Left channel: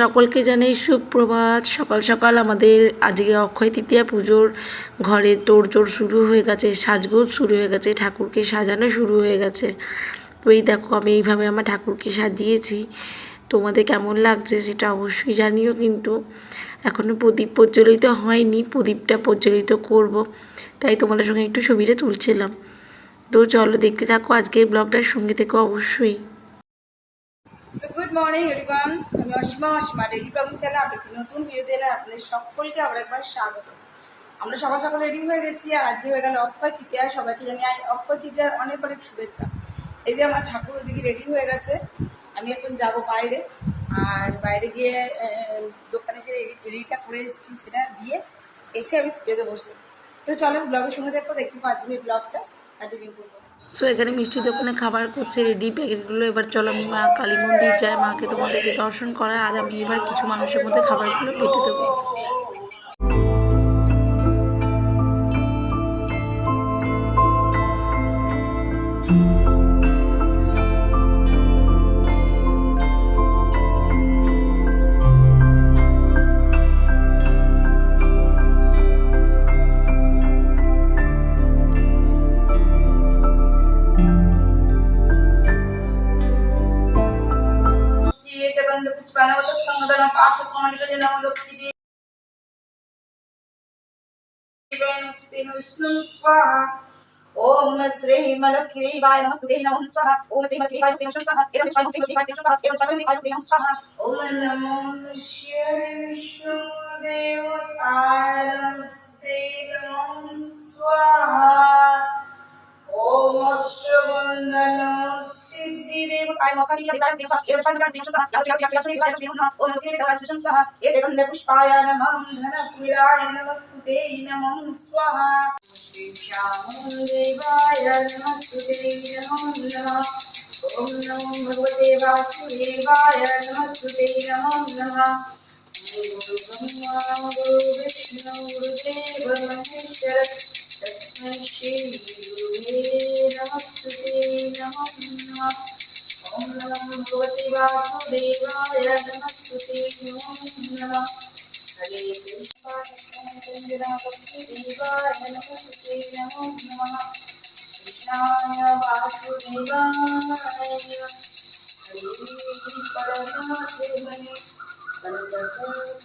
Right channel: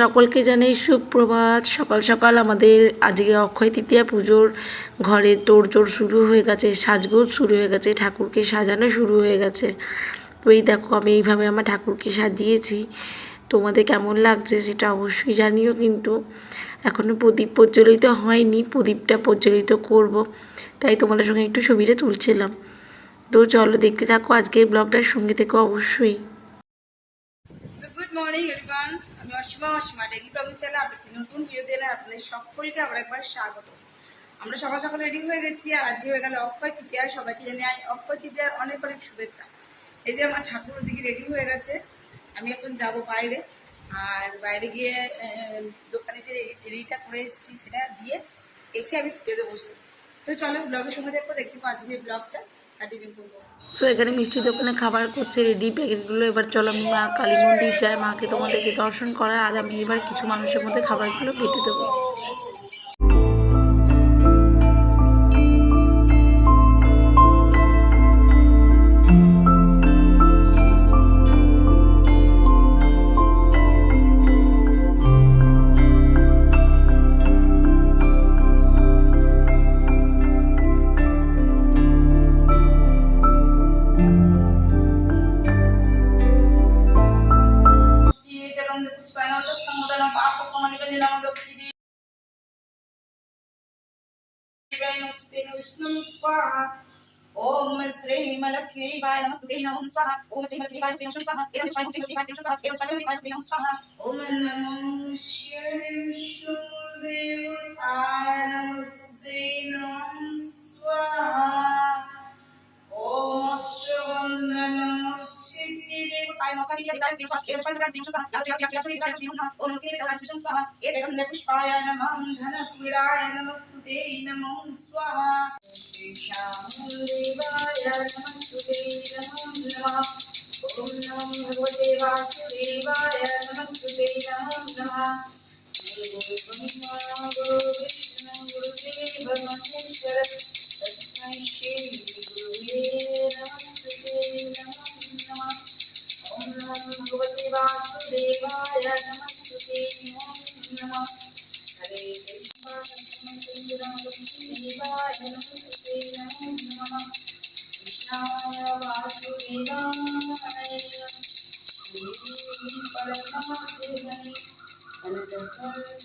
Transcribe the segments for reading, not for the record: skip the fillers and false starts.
সকলকে জানাই সুপ্রভাত। সকাল সকাল আমাদের আজকে অক্ষয় তৃতীয়া পুজোর ঘরে তোড়জোড় শুরু হয়ে গেছে, সাজগোজ শুরু হয়ে গেছে, ঠাকুরকে সাজানো শুরু হয়ে গেছে। তো এই দেখো আমি এইভাবে আমার ঠাকুরকে সাজিয়েছি। তোমাদের কেমন লাগছে সেটা অবশ্যই জানিও। কিন্তু এখনও প্রদীপ প্রজ্বলিত হয়নি, প্রদীপটা প্রজ্বলিত করব, তাই তোমাদের সঙ্গে একটু ছবিটা তুলছিলাম। তো চলো দেখতে থাকো আজকের ব্লগটার সঙ্গে থেকো অবশ্যই। গুড মর্নিং এভরিওয়ান, আমি অসীমা ডেইলি ব্লগিং চ্যানেলে আপনি নতুন ভিডিও দিয়ে আপনাদের সকলকে আবার একবার স্বাগত। আমরা সকাল সকাল রেডি হয়ে গেছি, আর আজকে হয়ে গেল অক্ষয় তৃতীয়া। সবাইকে জানাই অক্ষয় তৃতীয়ার অনেক অনেক শুভেচ্ছা। এই যে আমার ঠাকুর ওদিকে রেডি হয়ে গেছে, আমি এখন যাব বাইরে। আর বাইরে গিয়ে দোকানে যে রেডিটা করে এসেছি সেটা দিয়ে এসে আমি পুজোতে বসবো। তো চলো ব্লগের সঙ্গে দেখবো, দেখি আজকের ব্লগটা কন্টিনিউ করবো। সো এখানে মিষ্টির দোকানে খাবার করছে রেডি প্যাকেটগুলো। এবার চলো আমি মা কালী মন্দির যাই, মাকে তোমাদেরকে দর্শন করা, আর আমি এবার কিছু মানুষের মধ্যে খাবারগুলো বেটে দেবো। ओम श्री मलक्ष्मी वाय नमस्ते नमः स्वाहा। ओम श्री मलक्ष्मी वाय नमस्ते नमः स्वाहा। एवं स्वाहा श्री मलक्ष्मी वाय नमः स्वाहा। एवं स्वाहा वाय नमः स्वाहा। ओम नमो शिवाय विष्णुदेवताय नमस्ते नमः स्वाहा। ओम अष्टबंधन सिद्धिदेवताय मकानिया देवताय नमः स्वाहा। एवं स्वाहा वाय नमः स्वाहा। एवं स्वाहा वाय नमः स्वाहा। ओम नमो देवताय नमः स्वाहा। एवं पुष्पाय नमः धनकुलाय नमस्ते नमः स्वाहा। देवाय नमस्ते नमो नमः। ओम नमो भगवते वासुदेवाय नमस्ते नमो नमः। गुरु ब्रह्मा गुरु विष्णु गुरुदेव महेश्वर तस्मै श्री गुरुवे नमस्ते नमो नमः। ओम नमो भगवते वासुदेवाय नमस्ते नमो नमः। हरे कृष्ण देवाय नमस्ते नमो नमः। कृष्णाय वासुदेवाय हरे परमात्मने कनकपुरकेशनाय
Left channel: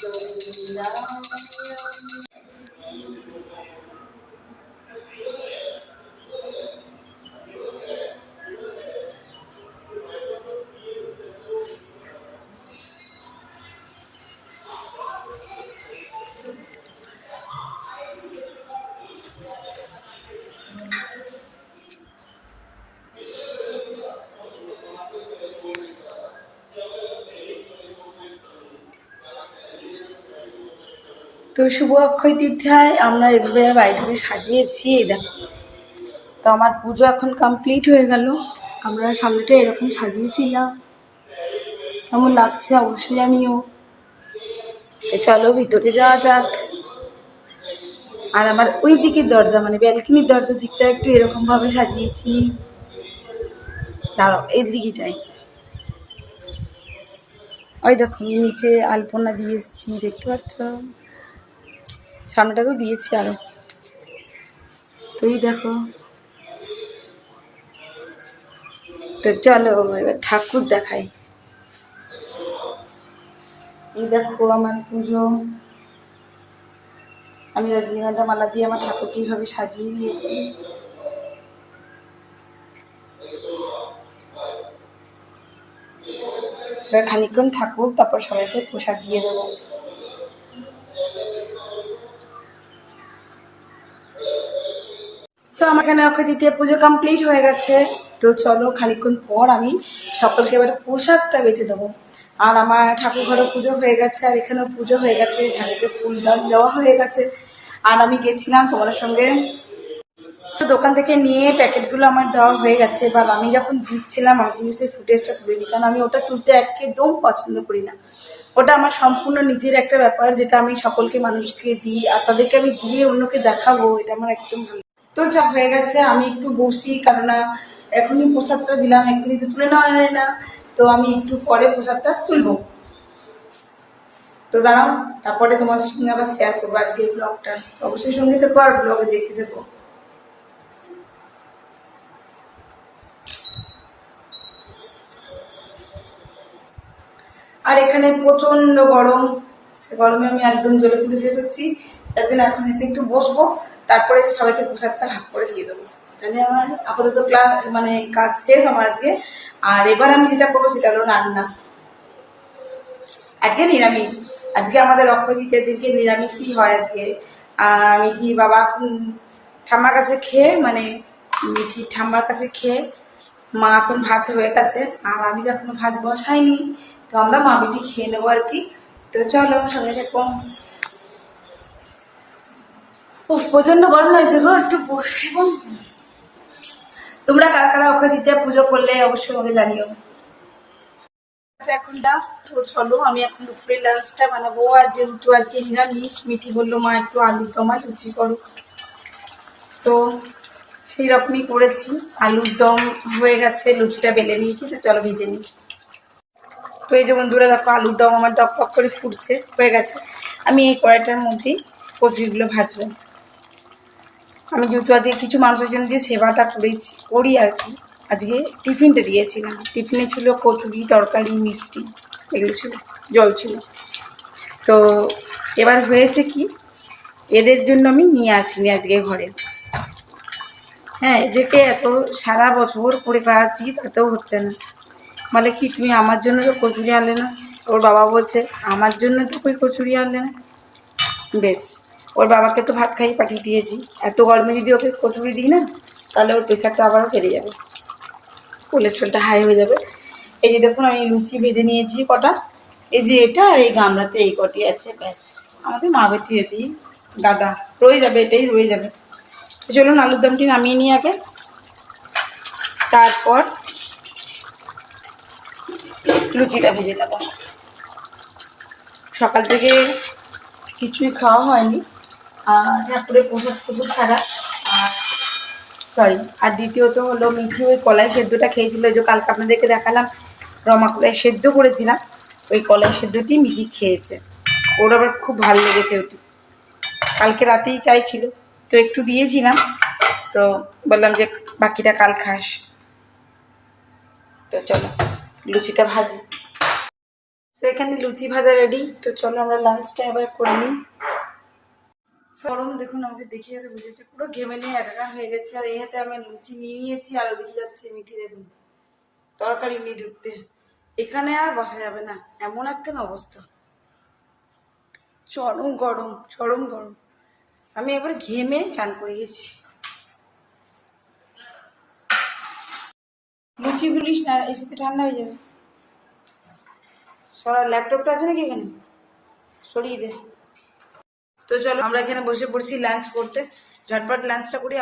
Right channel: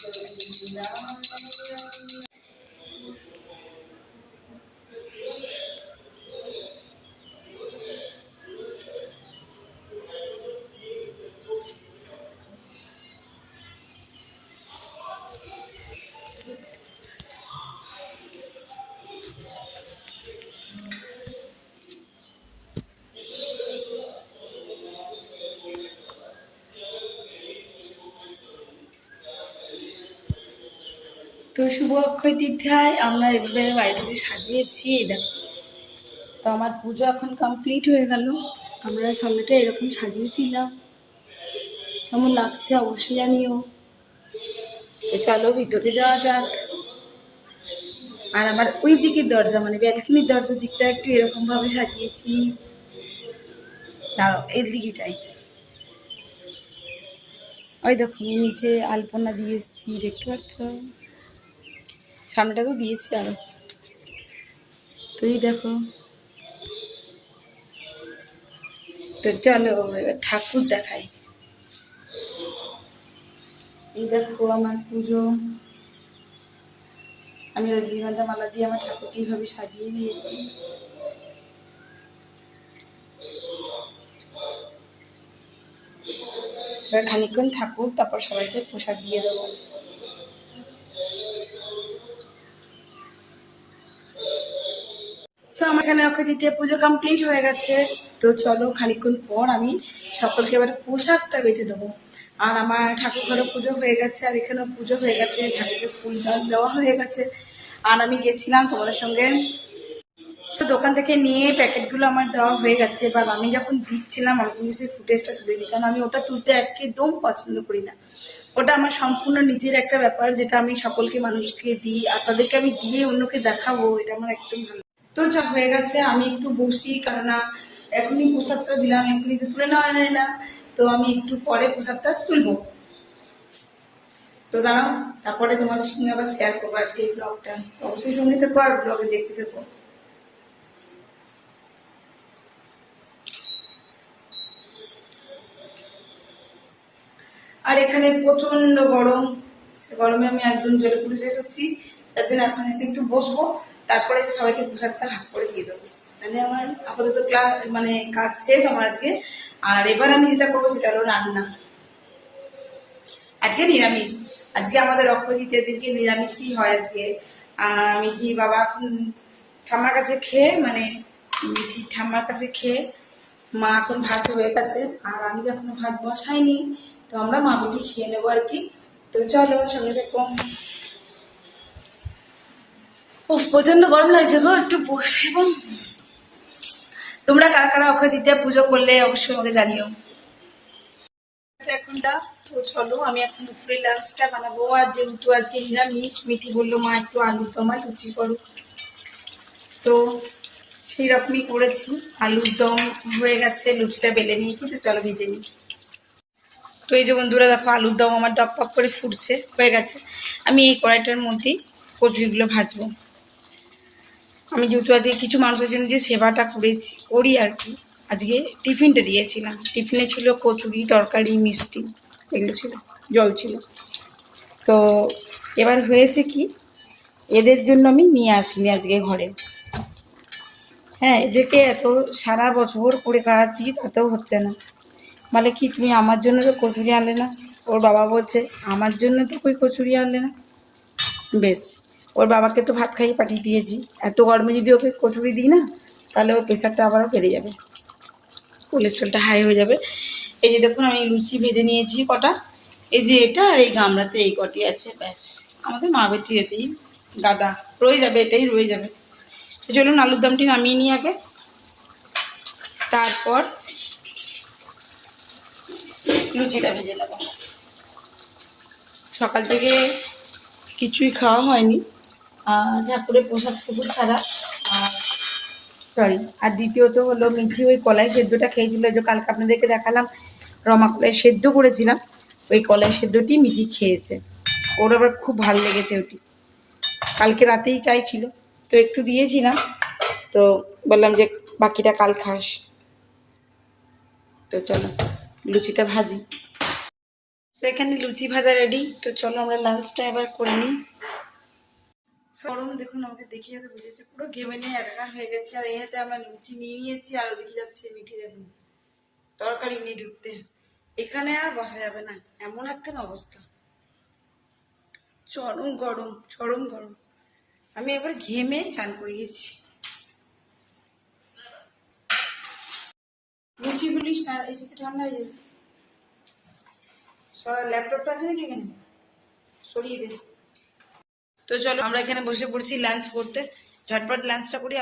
गोविन्दाय। তো শুভ অক্ষয় তৃতীয়ায় আমরা এভাবে বাড়িটাকে সাজিয়েছি। এই দেখো, তো আমার পুজো এখন কমপ্লিট হয়ে গেল। আমরা সামনেটা এরকম সাজিয়েছিলাম, কেমন লাগছে অবশ্যই জানিও। চলো ভিতরে যাওয়া যাক। আর আমার ওই দিকের দরজা মানে ব্যালকনির দরজার দিকটা একটু এরকম ভাবে সাজিয়েছি। দাঁড়াও এর দিকে যাই। ওই দেখো আমি নিচে আলপনা দিয়ে এসেছি, দেখতে পাচ্ছ। সামনেটা তো দিয়েছি আরো। তো এই দেখো, তো চলো এবার ঠাকুর দেখাই। এই দেখো আমার পুজো, আমি রজনীগন্ধা মালা দিয়ে আমার ঠাকুর কিভাবে সাজিয়ে দিয়েছি। এবার খানিকক্ষণ থাকুক, তারপর সবাইকে প্রসাদ দিয়ে দেবো। তো আমার এখানে অক্ষয় তৃতীয়া পুজো কমপ্লিট হয়ে গেছে। তো চলো খানিকক্ষণ পর আমি সকলকে এবার প্রসাদটা বেটে দেবো। আর আমার ঠাকুর ঘরে পুজো হয়ে গেছে, আর এখানেও পুজো হয়ে গেছে, ঝাড়ুতে ফুলদান দেওয়া হয়ে গেছে। আর আমি গেছিলাম তোমার সঙ্গে, তো দোকান থেকে নিয়ে প্যাকেটগুলো আমার দেওয়া হয়ে গেছে। বা আমি যখন দিচ্ছিলাম আমি কিন্তু সেই ফুটেজটা তুলিনি, কারণ আমি ওটা তুলতে একদম পছন্দ করি না। ওটা আমার সম্পূর্ণ নিজের একটা ব্যাপার, যেটা আমি সকলকে মানুষকে দিই, আর তাদেরকে আমি দিয়ে অন্যকে দেখাবো, এটা আমার একদম ভালো। তো যা হয়ে গেছে আমি একটু বসি, কেননা এখনই প্রসাদটা দিলাম, এখনই তো তুলে নেওয়া যায় না, তো আমি একটু পরে প্রসাদটা তুলবো। তো দাঁড়াও, তারপরে তোমাদের সঙ্গে আবার শেয়ার করবো আজকে এই ব্লগটা। অবশ্যই সঙ্গে থেকো আর ব্লগে দেখতে থেকো। আর এখানে প্রচন্ড গরম, সে গরমে আমি একদম জ্বলে পুড়ে শেষ হচ্ছি। তার জন্য এখন এসে একটু বসবো, তারপরে সবাইকে প্রসাদটা ভাগ করে দিয়ে দেবো। তাহলে আমার আপাতত ক্লাস মানে কাজ শেষ আমার আজকে। আর এবার আমি যেটা করবো সেটা হলো রান্না। আজকে নিরামিষ, আজকে আমাদের অক্ষয় তৃতীয়ার দিনকে নিরামিষই হয় আজকে। মিঠি বাবা এখন ঠাম্মার কাছে খেয়ে, মানে মিঠি ঠাম্মার কাছে খেয়ে মা এখন ভাত হয়ে গেছে, আর আমি তো এখনো ভাত বসাইনি। তো আমরা মা বেটি খেয়ে নেবো আর কি। তো চলো সঙ্গে দেখো। উফ, প্রচন্ড গরম লাগছে গো, একটু বসে। এবং তোমরা কারা কারা অক্ষয় তৃতীয়া পুজো করলে অবশ্যই আমাকে জানিও। এখনটা তো চলো আমি এখন দুপুরে লাঞ্চটা বানাবো। আর যেহেতু আজকে নিরামিষ, মিঠি বললো মা একটু আলুর দম আর লুচি করো, তো সেই রকমই করেছি। আলুর দম হয়ে গেছে, লুচিটা বেলে নিয়েছি, তো চলো ভেজে নিই। তো এই যে বন্ধুরা দেখো, আলুর দম আমার টক টক করে ফুটছে, হয়ে গেছে। আমি এই কড়াইটার মধ্যেই কচুরিগুলো ভাজবো। আমি যেহেতু আজকে কিছু মানুষের জন্য যে সেবাটা করি আর কি, আজকে টিফিনটা দিয়েছিলাম। টিফিনে ছিল কচুরি, তরকারি, মিষ্টি, এগুলো ছিল, জল ছিল। তো এবার হয়েছে কি, এদের জন্য আমি নিয়ে আসিনি আজকে ঘরে। হ্যাঁ, এদেরকে এত সারা বছর করে খাওয়াচ্ছি, তাতেও হচ্ছে না। বলে কি, তুমি আমার জন্য তো কচুরি আনলে না। ওর বাবা বলছে, আমার জন্য তো কই কচুরি আনলে না। বেশ, ওর বাবাকে তো ভাত খাইয়ে পাঠিয়ে দিয়েছি। এত গরমে যদি ওকে কচুরি দিই না, তাহলে ওর প্রেশারটা আবারও বেড়ে যাবে, কোলেস্ট্রলটা হাই হয়ে যাবে। এই যে দেখুন, আমি লুচি ভেজে নিয়েছি কটা। এই যে এটা আর এই গামলাতে এই কটি আছে, ব্যাস। আমাদের মা বেটি এতেই গাদা রয়ে যাবে, এটাই রয়ে যাবে। তো চলুন আলুর দমটি নামিয়ে নিই আগে, তারপর লুচিটা ভেজে নেব। সকাল থেকে কিছুই খাওয়া হয়নি, ঠাকুরের প্রসাদ প্রসাদ ছাড়া। আর আর দ্বিতীয়ত হলো, মিঠি ওই কলাই সেদ্ধটা খেয়েছিল। এই যে কালকে আপনাদেরকে দেখালাম রমা কলাই সেদ্ধ করেছিলাম, ওই কলাই সেদ্ধটি মিঠি খেয়েছে। ওর আবার খুব ভালো লেগেছে ওটি, কালকে রাতেই চাইছিল, তো একটু দিয়েছিলাম। তো বললাম যে বাকিটা কাল খাস। তো চলো লুচিটা ভাজি। তো এখানে লুচি ভাজা রেডি। তো চলো আমরা লাঞ্চটা এবার করে নিই। গরম দেখুন, আমাকে দেখিয়ে তো বুঝেছে, পুরো ঘেমে নিয়ে একাকার হয়ে গেছে। আর এই হাতে আমরা লুচি নিয়ে নিয়েছি, আর ওদিকে যাচ্ছে মিঠি। দেখুন তরকারি নিয়ে ঢুকতে, এখানে আর বসা যাবে না, এমন একটা অবস্থা। চরম গরম, চরম গরম। আমি একবার ঘেমে চান করে গেছি। লুচি গুলিস না, এসিতে ঠান্ডা হয়ে যাবে। সরা, ল্যাপটপটা আছে নাকি এখানে, সরিয়ে দে। তো চলো আমরা এখানে বসে পড়ছি লাঞ্চ করতে, ঝটপট লাঞ্চটা করি।